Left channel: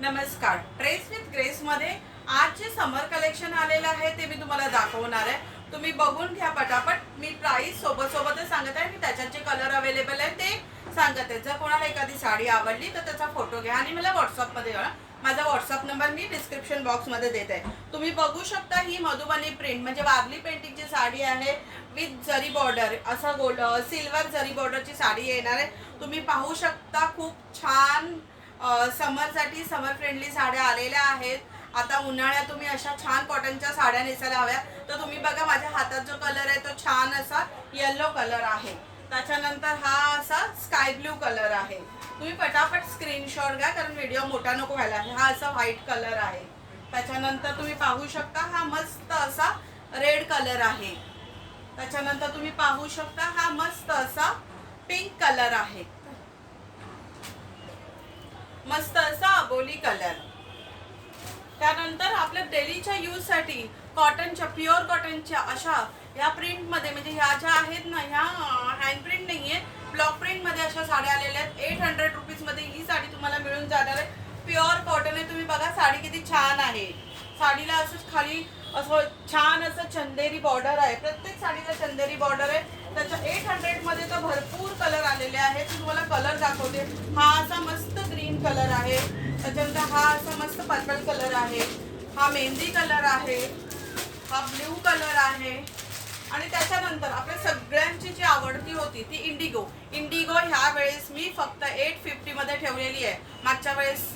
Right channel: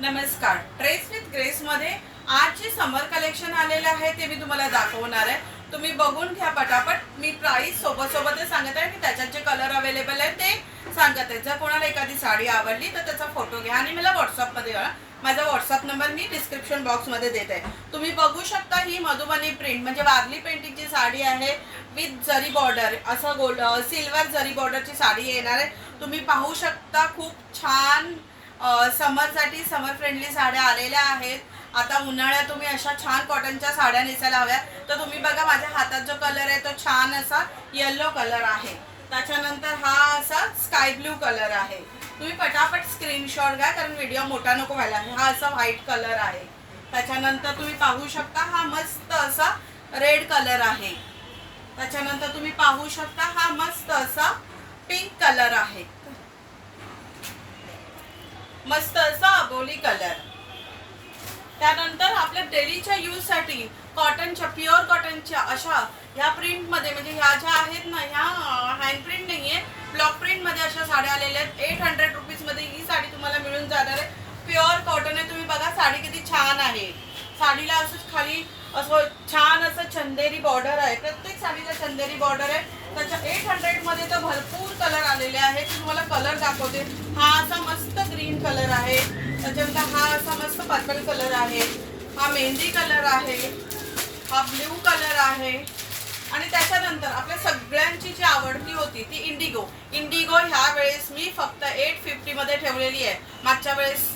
नमस्कार. Dress with grace मध्ये आज जे समर कलेक्शन आलेलं आहे ते मी तुम्हाला दाखवणार आहे. तुम्ही बघून घ्या पटापट. मी प्राइस सोबतच सांगत आहे की त्याच्यात जे कलर अवेलेबल आहे ते सांगत आहे. जर कोणाला एखादी साडी आवडली तर त्याचा फोटो घ्या आणि मला व्हॉट्सअपमध्ये कळवा. माझा व्हॉट्सअप नंबर मी डिस्क्रिप्शन बॉक्समध्ये देत आहे. तुम्ही बघू शकता ही मधुबनी प्रिंट म्हणजे वारली पेंटिंगची साडी आहे विथ जरी बॉर्डर, असं गोल्ड सिल्वर जरी बॉर्डरची साडी येणार आहे. तुम्ही पाहू शकता खूप छान समरसाठी समर फ्रेंडली साड्या आलेल्या आहेत. आता उन्हाळ्यात तुम्ही अशा छान कॉटनच्या साड्या नेसायला हव्या तर तुम्ही बघा माझ्या हातात जो कलर आहे तो छान असा येलो कलर आहे. त्याच्यानंतर हा असा स्काय ब्ल्यू कलर आहे. तुम्ही पटापट स्क्रीनशॉट घ्या कारण व्हिडिओ मोठा नको व्हायला. हा असा व्हाईट कलर आहे. त्याच्यानंतर तुम्ही पाहू शकता हा मस्त असा रेड कलर आहे. त्याच्यानंतर तुम्ही पाहू शकता हा मस्त असा पिंक कलर आहे. मस्त असा अबोली कलर. त्यानंतर आपल्या डेलीच्या यूज साठी कॉटनच्या प्युअर कॉटनच्या अशा ह्या प्रिंट मध्ये म्हणजे ह्या ज्या आहेत ना ह्या हँड प्रिंट नाहीये ब्लॉक प्रिंट मध्ये अशा साड्या आलेल्या आहेत. 800 रुपीज मध्ये ही साडी तुम्हाला मिळून जाणार आहे. प्युअर कॉटन आहे. तुम्ही बघा साडी किती छान आहे. साडीला असं खाली असं छान असं चंदेरी बॉर्डर आहे. प्रत्येक साडीला चंदेरी बॉर्डर आहे. त्याच्या 800 मध्ये तर भरपूर कलर आलेले आहेत. मी तुम्हाला कलर दाखवते. हा असा मस्त ग्रीन कलर आहे. त्याच्यानंतर हा असा मस्त पर्पल कलर आहे. हा मेहंदी कलर आहे. हा ब्ल्यू कलर आहे. आणि त्याच्यानंतर आपल्या सगळ्यांची जी आवडती होती ती इंडिगो. इंडिगो ह्या वेळेस मी फक्त 850 मध्ये ठेवलेली आहे. मागच्या वेळेस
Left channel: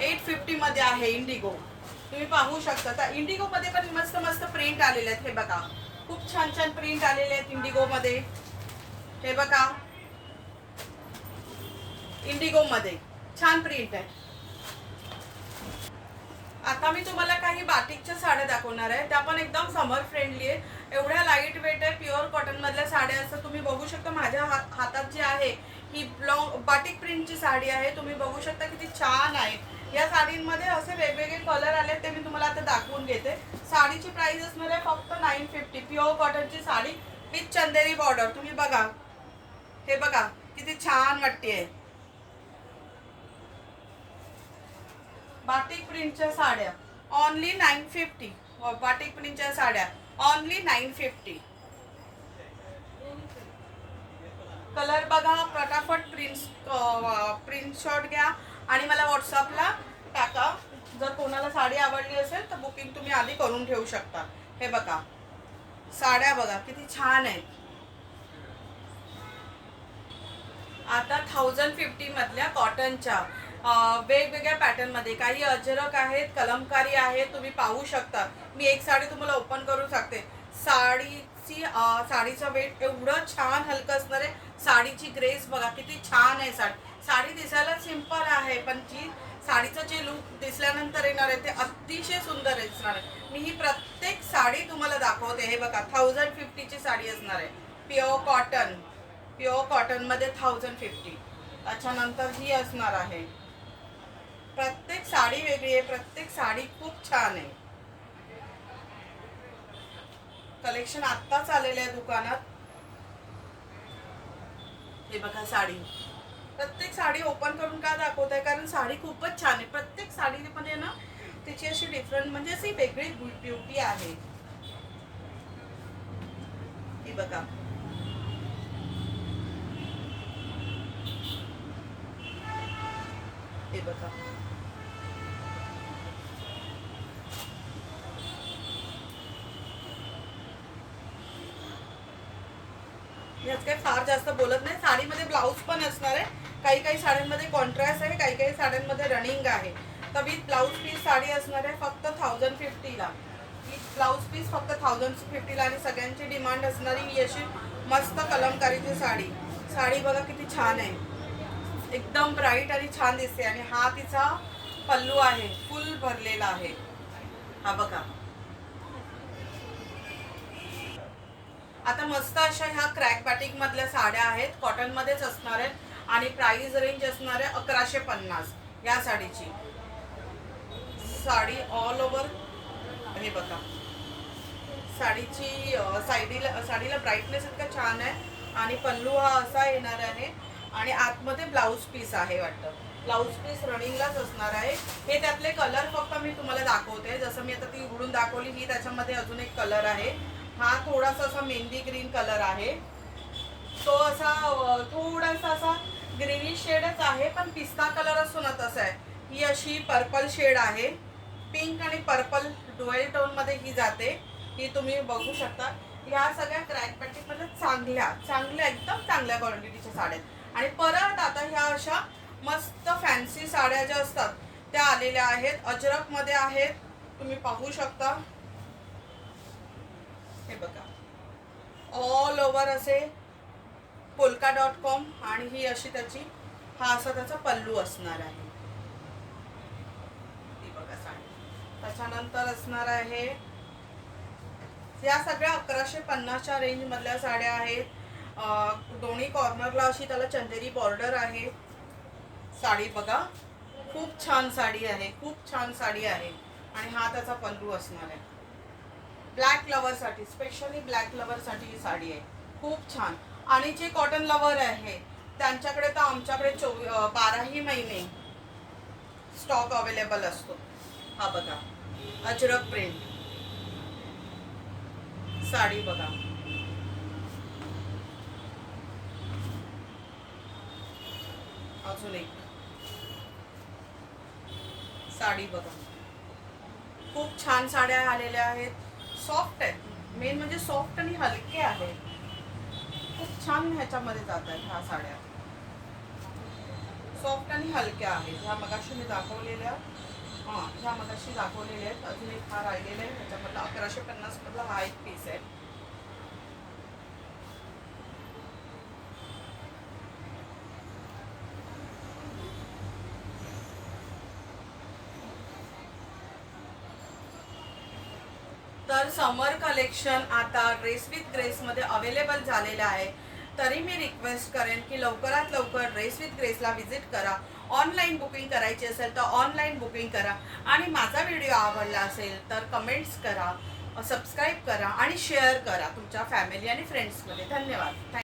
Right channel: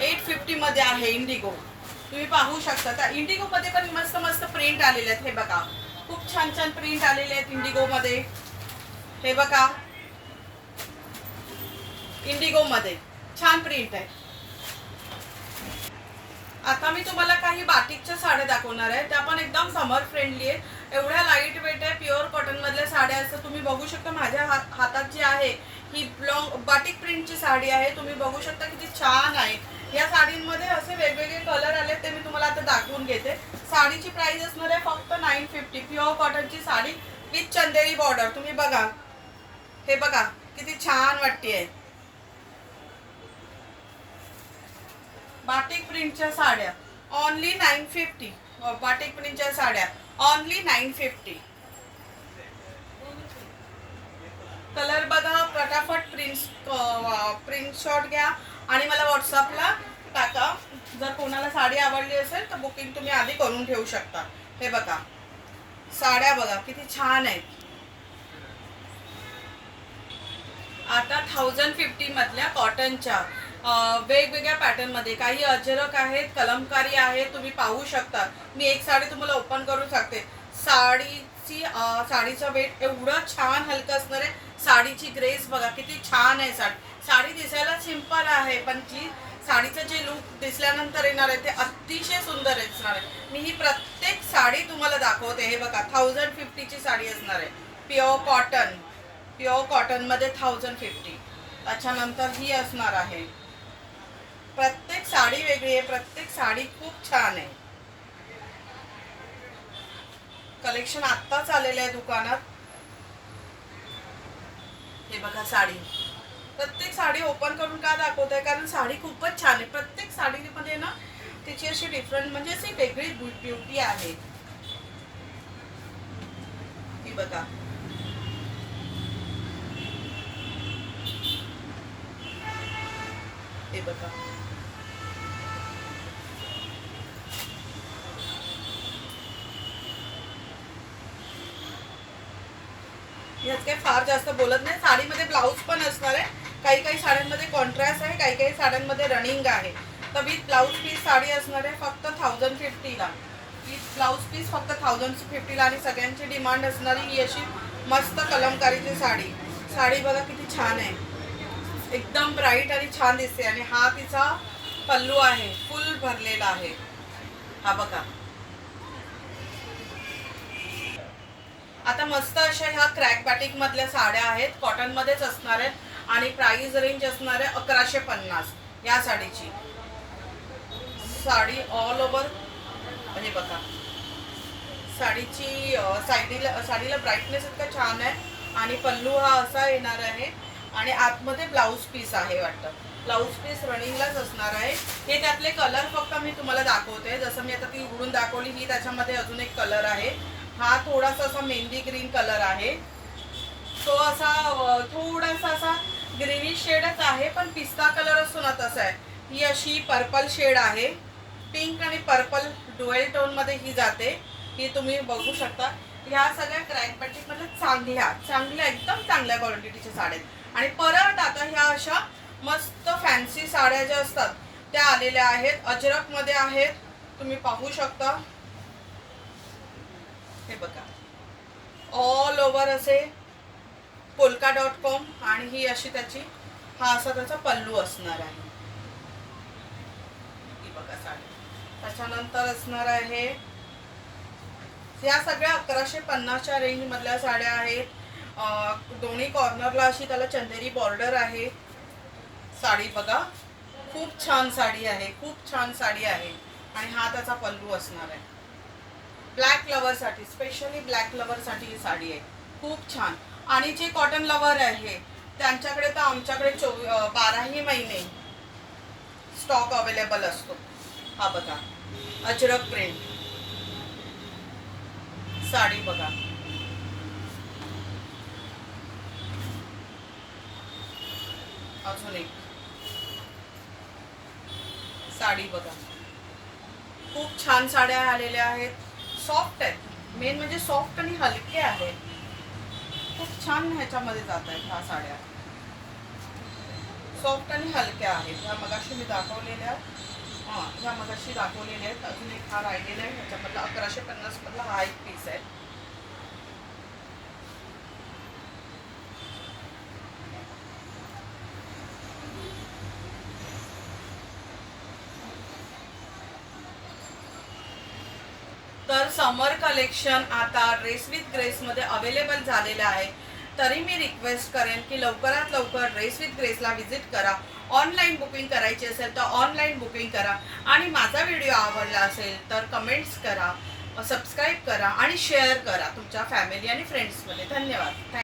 850 मध्ये आहे इंडिगो. तुम्ही पाहू शकता. त्या इंडिगो मध्ये पण मस्त मस्त प्रिंट आलेले आहेत. हे बघा खूप छान छान प्रिंट आलेले आहेत इंडिगो मध्ये. हे बघा इंडिगो मध्ये छान प्रिंट आहे. आता मी तुम्हाला काही बाटिकच्या साड्या दाखवणार आहे. त्या पण एकदम समर फ्रेंडली आहेत. एवढ्या लाईट वेट आहे. प्युअर कॉटन मधल्या साड्या असतात. तुम्ही बघू शकता माझ्या हातात जी आहे ही बाटिक प्रिंटची साडी आहे. तुम्ही बघू शकता किती छान आहे. या साडींमध्ये असे वेगवेगळे कलर आले ते मी तुम्हाला आता दाखवून घेते. साडीची प्राइस असणार आहे फक्त 950. प्युअर कॉटनची साडी विथ चंदेरी बॉर्डर. तुम्ही बघा हे बघा किती छान वाटते. बाटिक प्रिंटच्या साड्या ओनली 950. बाटिक प्रिंटच्या साड्या ओनली 950. कलर बघा पटापट प्रिंट शॉट घ्या आणि मला व्हॉट्सअपला टाका. जर कोणाला साडी आवडली असेल तर बुकिंग तुम्ही आधी करून ठेवू शकता. हे बघा साड्या बघा किती छान आहेत. आता 1050 मधल्या कॉटनच्या वेगवेगळ्या पॅटर्न मध्ये काही अजरक आहेत, कलमकारी आहे. तुम्ही पाहू शकता. मी एक साडी तुम्हाला ओपन करू शकते. साडीचा वेट एवढं छान हलकं असणार आहे. साडीची ग्रेस बघा किती छान आहे. साडी दिसायला सिंपल आहे पण जी साडीचं जे लुक दिसल्यानंतर येणार आहे ते अतिशय सुंदर असणार आहे. मी ही प्रत्येक साडी तुम्हाला दाखवते. हे बघा 1050 ची साडी असणार आहे. प्युअर कॉटन मध्ये 1050. त्याच्यानंतर ही असणार आहे. प्रत्येक साडी वेगळी आहे. प्रत्येक साडी खूप छान आहे. कलेक्शन आत्ताच आलेलं आहे दुकानात. हे बघा साडी. प्रत्येक साडी ओपन करून का दाखवत आहे कारण साडी खूपच छान आहे. प्रत्येक साडीमध्ये ना तिची अशी डिफरंट म्हणजे अशी वेगळी ब्युटी आहे. ही बघा हे बघा यात काही फार जास्त बोलत नाही. साडीमध्ये ब्लाऊज पण असणार आहे. काही काही साड्यांमध्ये कॉन्ट्रास्ट आहे, काही काही साड्यांमध्ये रनिंग आहे. तर विथ ब्लाऊज पीस साडी असणार आहे फक्त 1050 ला. विथ ब्लाऊज पीस फक्त 1050 ला. आणि सगळ्यांची डिमांड असणारी ही अशी मस्त कलमकारीची साडी. साडी बघा किती छान आहे. एकदम ब्राईट आणि छान दिसते. आणि हा तिचा पल्लू आहे. फुल भरलेला आहे. हा बघा आता मस्त अशा ह्या क्रॅक बॅटिक मधल्या साड्या आहेत. कॉटन मध्येच असणार आहेत आणि प्राइस रेंज असणार आहे 1150 या साडीची. साडी ऑल ओव्हर हे बघा साडीची साडीला ब्राईटनेस इतका छान आहे. आणि पल्लू हा असा येणार आहे आणि आतमध्ये ब्लाऊज पीस आहे वाटतं. ब्लाऊज पीस रनिंगलाच असणार आहे. हे त्यातले कलर फक्त मी तुम्हाला दाखवते. जसं मी आता ती उघडून दाखवली, ही त्याच्यामध्ये अजून एक कलर आहे. हा थोडासा असा मेहंदी ग्रीन कलर आहे. तो असा थोडासा असा ग्रीनिश शेडच आहे, पण पिस्ता कलर असतो ना तसा आहे. ही अशी पर्पल शेड आहे. पिंक आणि पर्पल डुएल टोन मध्ये ही जाते. ही तुम्ही बघू शकता. ह्या सगळ्या क्रॅक बॅटिक मध्ये चांगल्या एकदम चांगल्या क्वालिटीच्या साड्या आहेत. आणि परत आता ह्या अशा मस्त फॅन्सी साड्या ज्या असतात त्या आलेल्या आहेत. अजरक मध्ये आहेत, तुम्ही पाहू शकता. हे बघा, ऑल ओव्हर असे polka.com आणि ही अशी त्याची हा असा त्याचा पल्लू असणार आहे. ही बघा साडी. त्याच्यानंतर असणार आहे, या सगळ्या 1150च्या रेंज मधल्या साड्या आहेत. दोन्ही कॉर्नरला अशी त्याला चंदेरी बॉर्डर आहे. साडी बघा, खूप छान साडी आहे, खूप छान साडी आहे. आणि हा त्याचा पल्लू असणार आहे. ब्लॅक लवर साठी, स्पेशली ब्लॅक लवर साठी ही साडी आहे, खूप छान. आणि जे कॉटन लवर आहे त्यांच्याकडे तर आमच्याकडे 12ही महिने स्टॉक अवेलेबल असतो. हा बघा, अजरक प्रिंट साडी बघा. अजून एक साडी बघा. खूप छान साड्या आलेल्या आहेत. सॉफ्ट आहेत, मेन म्हणजे सॉफ्ट आणि हलके आहेत. खूप छान ह्याच्यामध्ये जात आहेत ह्या साड्या. सॉफ्ट आणि हलक्या आहेत. ह्या मगाशी मी दाखवलेल्या, ह्या मगाशी दाखवलेल्या आहेत. अजून एक हा राहिलेला आहे. ह्याच्यामधला 1150 मधला हा एक पीस आहे. तर समर कलेक्शन आता ड्रेस विथ ग्रेस मध्ये अवेलेबल झालेलं आहे. तरी मी रिक्वेस्ट करेन की लवकरात लवकर ड्रेस विथ ग्रेसला व्हिजिट करा. ऑनलाईन बुकिंग करायची असेल तर ऑनलाईन बुकिंग करा. आणि माझा व्हिडिओ आवडला असेल तर कमेंट्स करा, सबस्क्राईब करा आणि शेअर करा तुमच्या फॅमिली आणि फ्रेंड्समध्ये. धन्यवाद.